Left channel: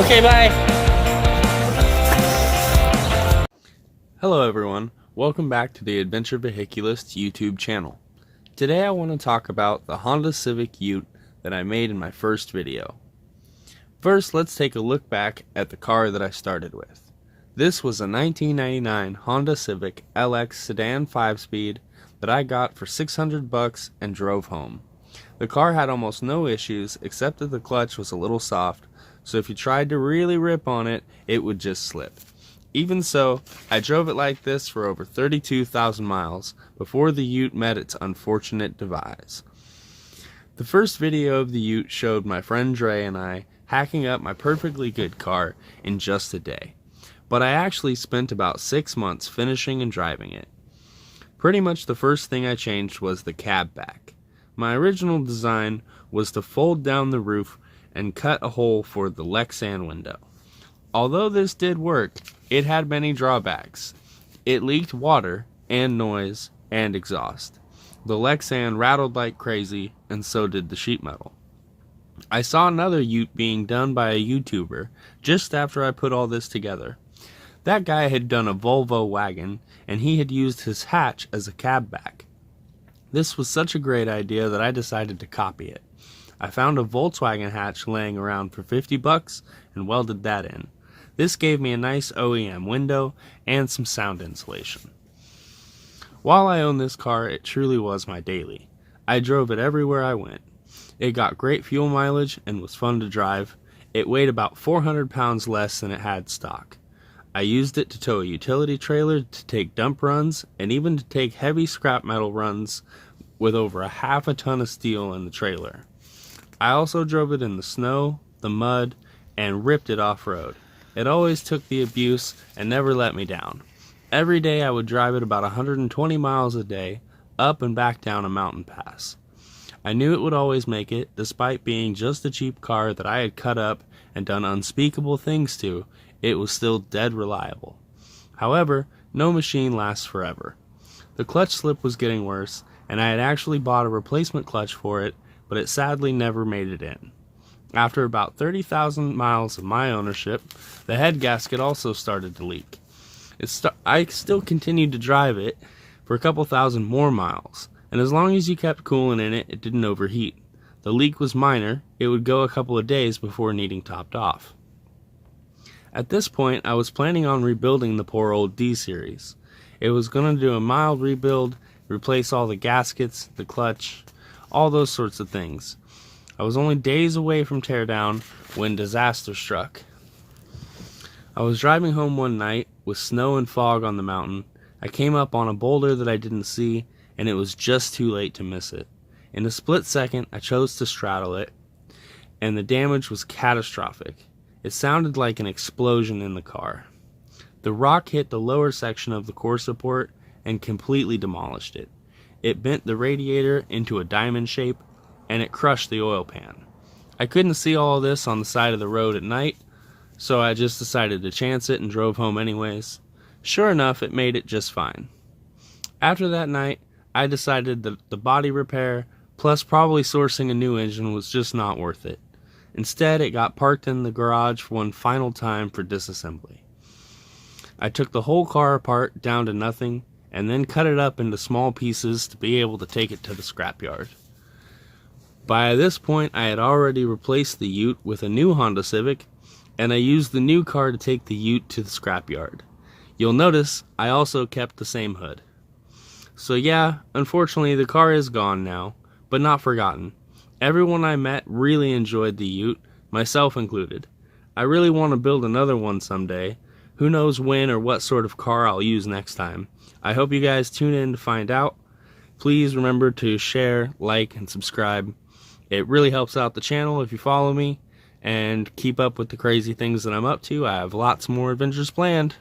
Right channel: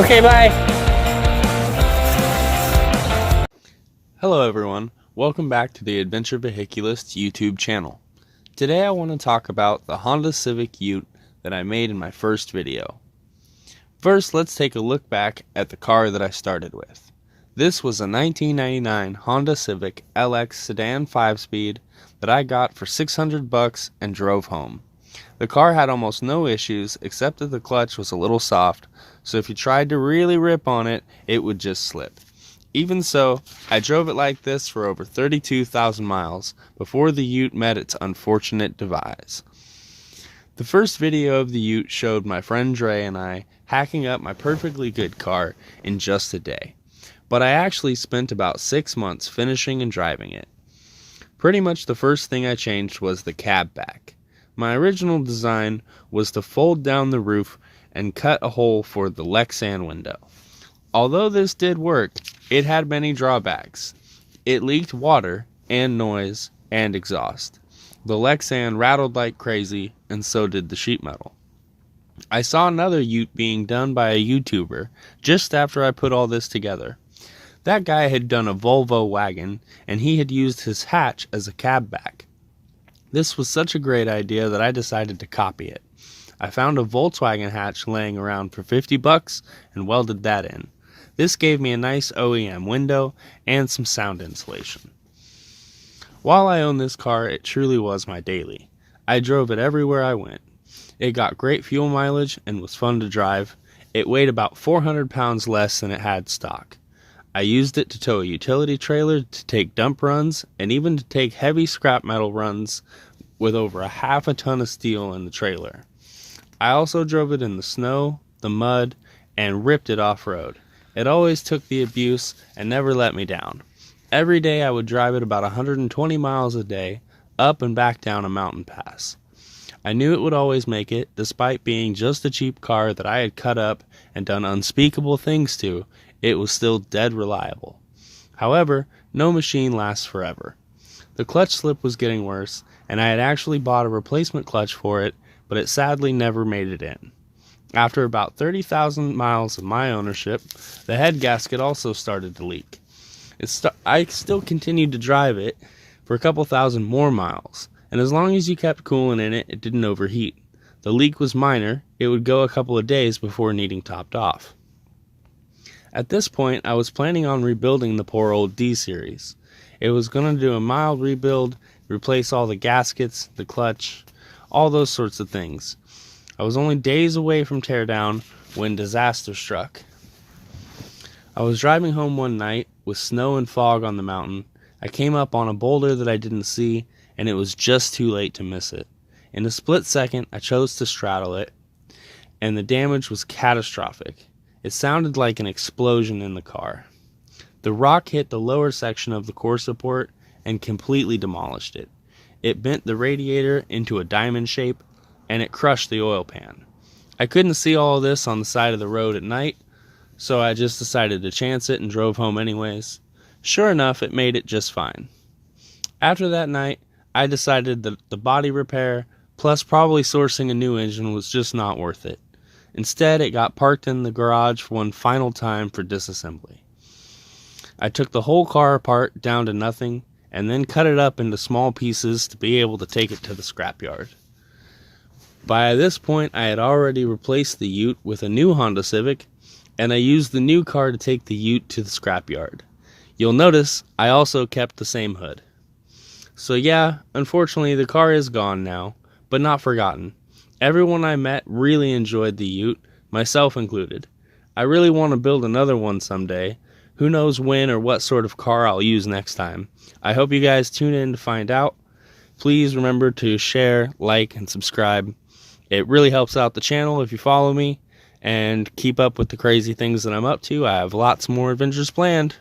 Okay, bye. Hello everyone, welcome back to the Adventure Vehiculist YouTube channel. Today I want to talk about the Honda Civic Ute that I made in my first video. First, let's take a look back at the car that I started with. This was a 1999 Honda Civic LX sedan 5-speed that I got for $600 and drove home. The car had almost no issues except that the clutch was a little soft, so if you tried to really rip on it, it would just slip. Even so, I drove it like this for over 32,000 miles before the Ute met its unfortunate demise. The first video of the Ute showed my friend Dre and I hacking up my perfectly good car in just a day, but I actually spent about 6 months finishing and driving it. Pretty much the first thing I changed was the cab back. My original design was to fold down the roof and cut a hole for the Lexan window. Although this did work, it had many drawbacks. It leaked water and noise and exhaust. The Lexan rattled like crazy, and so did the sheet metal. I saw another Ute being done by a YouTuber just after I put all this together. That guy had done a Volvo wagon, and he had used his hatch as a cab back. This was such a great idea that I decided to copy it. I found a Volkswagen hatch laying around for $50 and welded that in. This gave me a nice OEM window and some sound insulation. While I owned this car, it truly was my daily. I drove it everywhere I went. It got great fuel mileage and was fun to drive. It weighed about 400 pounds less than it had stock. I used it to tow a utility trailer, to take dump runs, and even to take heavy scrap metal runs with over half a ton of steel in the trailer. I also drove it in the snow, the mud, and ripped it off-road. It always took the abuse and never let me down. Every day I would drive it about 120 miles a day, up and back down a mountain pass. I knew it would always make it, despite being just a cheap car that I had cut up and done unspeakable things to. It was still dead reliable. However, no machine lasts forever. The clutch slip was getting worse, and I had actually bought a replacement clutch for it, but it sadly never made it in. After about 30,000 miles of my ownership, the head gasket also started to leak. I still continued to drive it for a couple thousand more miles, and as long as you kept coolant in it, it didn't overheat. The leak was minor. It would go a couple of days before needing topped off. At this point, I was planning on rebuilding the poor old D-Series. It was going to do a mild rebuild, replace all the gaskets, the clutch, all those sorts of things. I was only days away from teardown when disaster struck. I was driving home one night with snow and fog on the mountain. I came up on a boulder that I didn't see, and it was just too late to miss it. In a split second, I chose to straddle it, and the damage was catastrophic. It sounded like an explosion in the car. The rock hit the lower section of the core support and completely demolished it. It bent the radiator into a diamond shape, and it crushed the oil pan. I couldn't see all of this on the side of the road at night, so I just decided to chance it and drove home anyways. Sure enough, it made it just fine. After that night, I decided that the body repair, plus probably sourcing a new engine, was just not worth it. Instead, it got parked in the garage for one final time for disassembly. I took the whole car apart down to nothing, and then cut it up into small pieces to be able to take it to the scrapyard. By this point, I had already replaced the Ute with a new Honda Civic, and I used the new car to take the Ute to the scrapyard. You'll notice I also kept the same hood. So yeah, unfortunately the car is gone now, but not forgotten. Everyone I met really enjoyed the Ute, myself included. I really want to build another one someday. Who knows when or what sort of car I'll use next time. I hope you guys tune in to find out. Please remember to share, like, and subscribe. It really helps out the channel if you follow me and keep up with the crazy things that I'm up to. I have lots more adventures planned.